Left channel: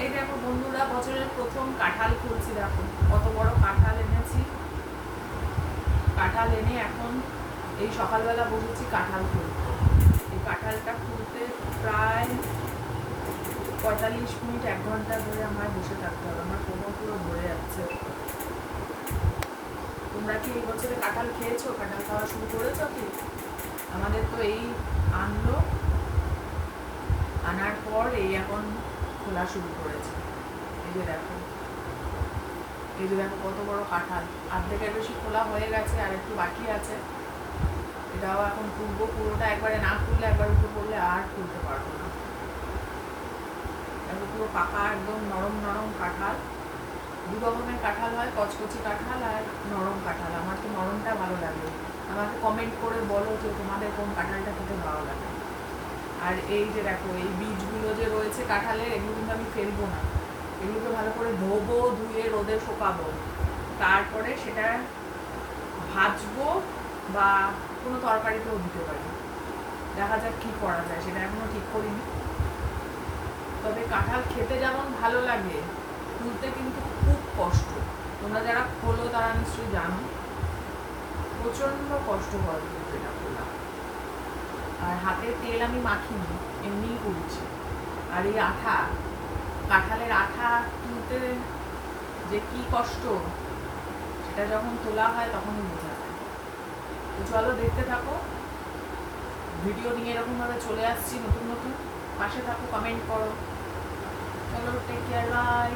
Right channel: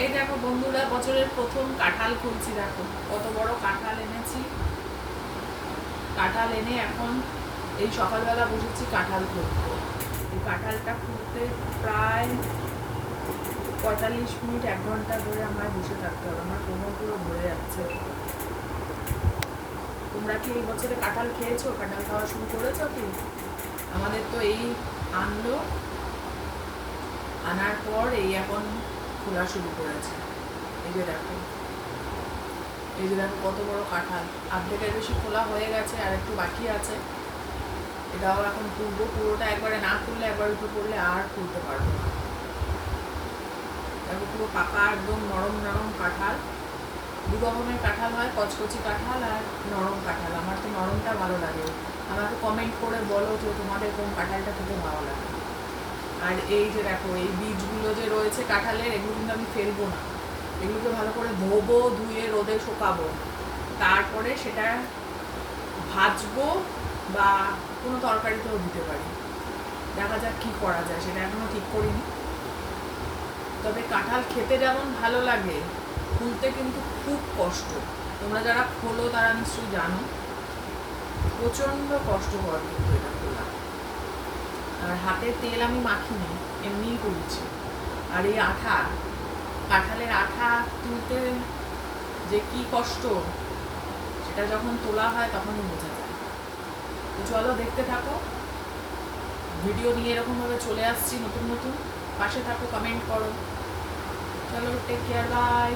এই দেখো বন্ধুরা, বছরের প্রথম কাঁঠাল খুলছি দেখো। কত বড় কাঁঠাল এনেছি। কাঁঠাল এনে এখন এই সকালবেলা বসেছি কাঁঠাল খুলতে এই কাঁঠালটা খুলতে প্রায় পঁয়তাল্লিশ মিনিট, এক ঘণ্টা ধরে আমার বসে থাকতে হবে। আমার কোমর পুরো ধরে যাচ্ছে। তোমরা কি এই বছরে কাঁঠাল খেয়েছো? কাঁঠাল খাওয়া শুরু করেছ কি? আমাদের তো এই আনলো। আনার পর এই এখন খোলা শুরু করেছে। এই যে দেখো। এই যে দেখো কত বড় কাঁঠাল। অর্ধেকের বেশি খোলা হয়ে গেছে আর একটু বাকি আছে। এটাও এখন খুলবো পুরোটা একবারে না খুললে একবার উঠে পড়লে আর খুলতে পারব না। দেখো পুরো পাকা একদম নরম নরম কাঁঠাল। দু রকমের কাঁঠাল হয়, কচকচি কাঁঠাল আর নরম কাঁঠাল। আমার তো নরমটা ভালো লাগে। আমাকে কমেন্ট করে বলো যে তোমাদের কোন কাঁঠালটা খেতে ভালো লাগে। আর এই যে দেখো, এই বীজগুলো যে রয়েছে কাঁঠালের, এগুলো কিন্তু আমি ফেলব না। এগুলোকে ভালো করে ধোবো, ধুয়ে রোদে শোকাবো। তারপরে সেটা ভাজবো বা কোনো তরকারিতেও দিতে পারি। দেখা যাক কি করা যায়, সেটা এখনও ঠিক করিনি। তবে কাঁঠাল খেতে যেমন ভালো লাগে খুলতে কিন্তু খুব কষ্ট। তোমরা যারা খোলো তারা নিশ্চয়ই জানো। প্রচণ্ড কষ্টকর কিন্তু এটা। হাতে তেল আমি মাখিনি, এমনিই করছি। আর এই আঠা, কাঁঠালের আঠা তুলতে যে কি কষ্ট, সেটা যখন তোলা হয় তখন বোঝা যায়। তো চলো দেখতে থাকো। ভিডিও নিয়ে এরকমভাবে চলে আসছি নতুন নতুন। পাশে থাকো কমেন্ট করো। চলো টেক কেয়ার বাই